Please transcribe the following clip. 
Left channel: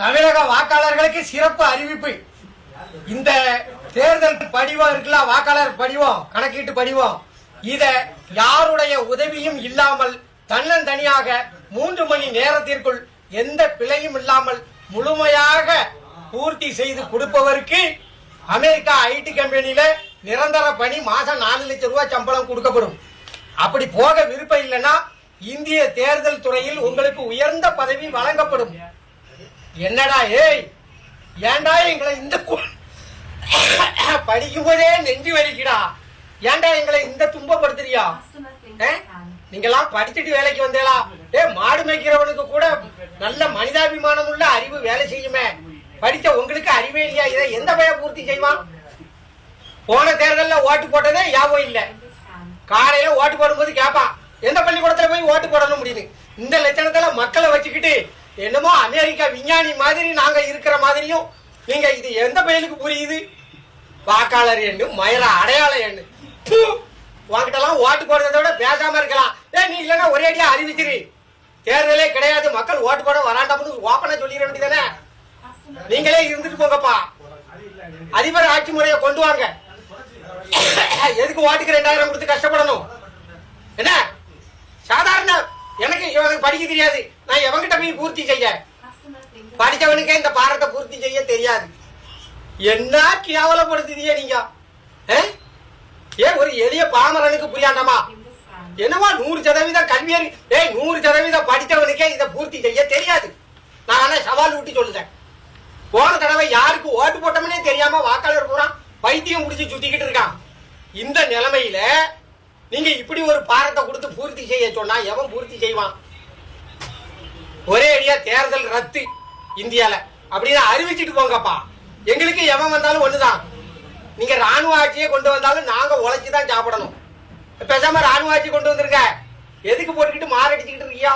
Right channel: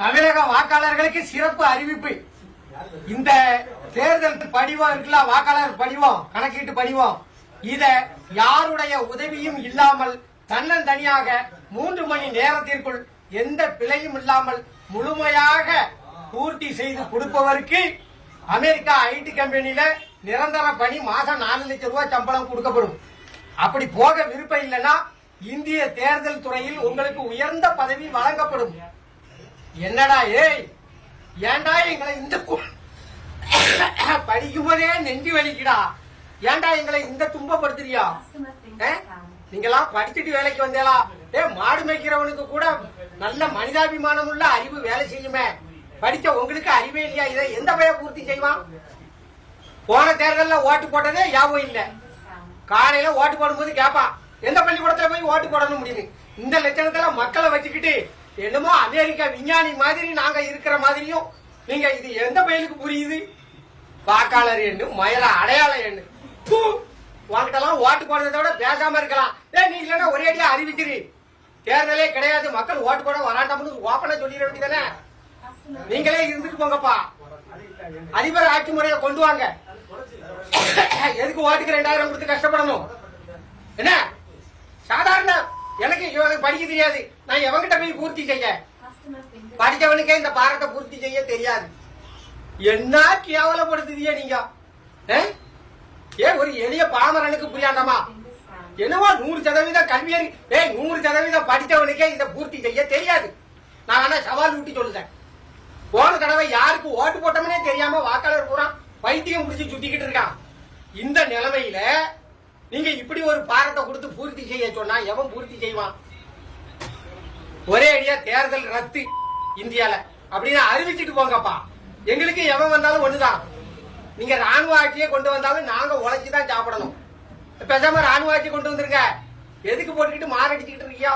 தமிழக வாக்காளர்களுக்கு சிறப்பு அறிவிப்பு. இந்த தேர்தல் படிவம் இருக்குல்ல, வாக்காளர் படிவம், கணக்கீட்டு படிவம், இத யாருடைய உதவியும் இல்லாமல் தன்னந்தனியாக 3 மணி நேரத்திற்குள் எந்த பிழையும் இல்லாமல் முழுமையாக பூர்த்தி செய்து கொடுப்பவருக்கு அமெரிக்கா ஐடி கம்பெனியில நிரந்தர பணி, மாசம் 4 லட்சம் ரூபாய் சம்பளம் கொடுக்கப்படும். அப்படி போக விருப்பம் இல்லைன்னா இந்திய தேர்தல் துறையில் உங்களுக்கு உயர்ந்த பதவி வழங்கப்படும். என்னடா ஏய், ஏண்டா எங்களை இந்த படிக்கும் போதே நெஞ்சு வலிக்குடா, ஏண்டா எங்களை இந்த துன்பப்படுத்துறியா? நீங்கெல்லாம் படிச்சுட்டு வேலைக்கு வந்தேலா? மாடு மேய்க்கிறவனுக்கு கூட நல்ல மனிதாபிமானம் உள்ள அறிவு வேலை செய்யுமே. படித்த உங்களுக்கு அறிவே இல்லையா? இதை எந்த பையன் பூர்த்தி செய்வான்? போன தேர்தலில் ஓட்டு போட்டதே ஞாபகம் இல்லை. காலையில ஓட்டு போடும்போது கேட்பான், எந்த பள்ளிக்கூடத்துல போய் ஓட்டு போடணும் முடியுது. இந்த லட்சணத்துல மக்களை வச்சுக்கிட்டு என்னமோ அமெரிக்கா விஞ்ஞானி மாதிரி நாங்க இருக்கிற மாதிரியும் நீங்க, இது எந்த பையனுக்கு புரியுது? வாக்காளர் எண்ணு, மயில அடையாள எண்ணு. வாங்கிட்டலாம் ஓட்டு போடுறத விட பேசாம இருக்கலாம். நீ இல்லைன்னா ஒரே அடியா அறிவிச்சிரு, தேர்தலே கிடையாது, மக்கள் ஓட்டு போட வராண்டாம்னு ஓப்பனா சொல்லிட வேண்டியதானே. நீங்களே இருந்துட்டு போங்கப்பா, அதிபர் ஆட்சி முறையை கொண்டு வாங்க. எதுக்கு ஓட்டுக்கு 2000 கொடுத்து கஷ்டப்படணும்? என்ன சாதாரண, எனக்கு படிக்க தெரியாது, நான் எவங்கிட்ட போய் பூர்த்தி செய்ய? படிச்சவனுக்கே இந்த பாரத்தை பூர்த்தி செய்ய தெரியாது. என்ன கேவலப்படுத்துதியே நீங்க? ஒரு எளிய பாமரனுக்கு புரியாண்டாமா? என்னவா 100% கல்வியறி, 100% படித்தவனுக்கே இதை பூர்த்தி செய்ய தெரியாது. நான் ஆனா சவால் ஊட்டி சொல்லுறேன். போன தடவை யாருக்கு ஓட்டு போட்டோம்னே தெரியாம வாக்காளர் பூரா பைத்தியம் முடிச்சு சுத்திக்கிட்டு இருக்கான். இந்த நிலைமையில நீங்க இப்படி ஒரு பாரத்தை கொடுத்து பூர்த்தி செய்ய சொன்னா எவன் பூர்த்தி செய்வான்? ஒரே அடியா தேர்தல் ரத்து இந்தியால அப்படின்னு அறிவிச்சுட்டு போங்கப்பா. எங்களுக்கு எவன் வந்தாலும் ஒண்ணுதான். நீங்க ராணுவ ஆட்சியை கொண்டு வந்தாலும் நாங்க உழைச்சுதான் சாப்பிடணும். பேசாம ராணுவ ஆட்சி கொண்டு வந்திருக்க, எதுக்கு போட்டுக்கிட்டு மாரடிச்சுக்கிட்டு இருக்கியா?